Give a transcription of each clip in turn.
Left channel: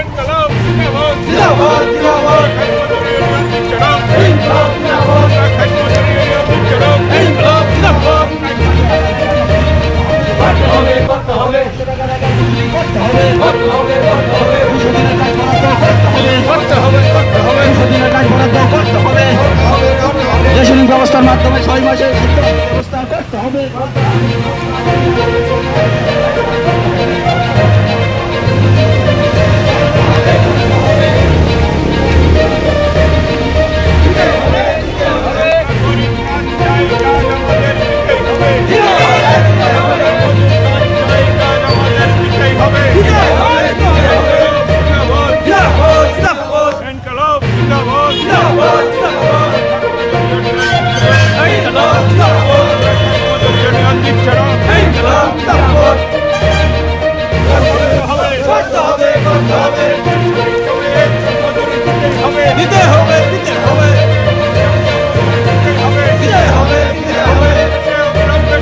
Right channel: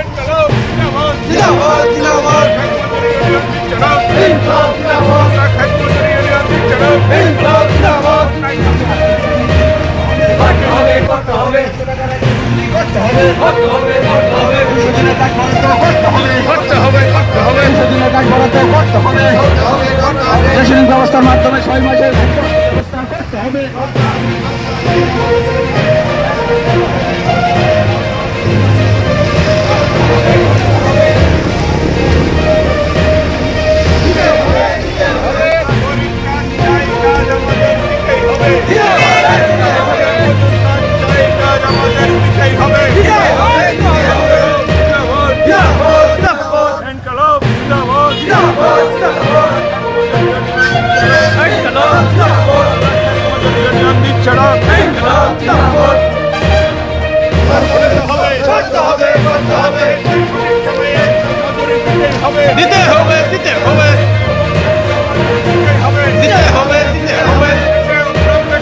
ইনকলাব জিন্দাবাদ জিন্দাবাদ জিন্দাবাদ খাইমজুরি ইউনিয়ন জিন্দাবাদ ইনকলাব জিন্দাবাদ খাইমজুরি ইউনিয়ন জিন্দাবাদ ইনকলাব জিন্দাবাদ করতে হবে করতে হবে করতে হবে করতে হবে করতে হবে সুদিনের কাজ বরাদ্দ করতে হবে করতে হবে করতে হবে সুদিনের কাজ বরাদ্দ করতে হবে রেশনিং ব্যবস্থার মাধ্যমে 6 মাসের ব্যবস্থা করতে হবে দিতে হবে দিতে হবে দিতে হবে দিতে হবে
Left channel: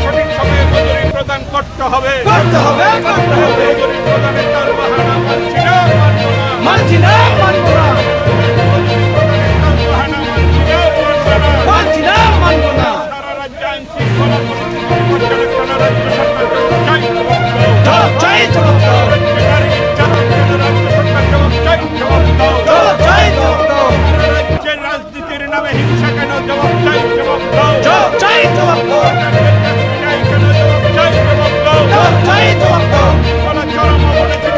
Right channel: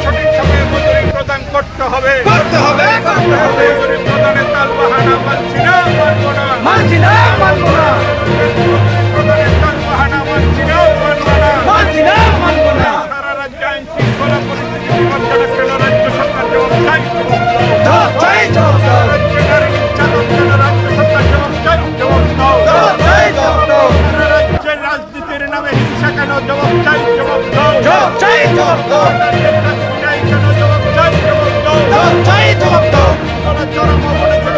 সঠিক সময়ে মজুরি প্রদান করতে হবে করতে হবে করতে হবে মজুরি প্রদানের তার বাহানা মানছি না মানবো না মানছি না মানবো না প্রদানের তার বাহানা মানছি না মানবো না মানছি না মানবো না সারা রাজ্যে আইন শৃঙ্খলা পরিস্থিতি বিপজ্জনক কেন রাজ্য সরকার জবাব চাই জবাব দাও রাজ্য নারী নির্যাতন কেন রাজ্য সরকার জবাব চাই জবাব দাও সারা রাজ্যের রাজনীতির নামে হিংসা কেন জবাব চাই জবাব দাও জবাব দাও কেন জবাব চাই জবাব দাও জবাব চাই জবাব দাও চরম অবনতি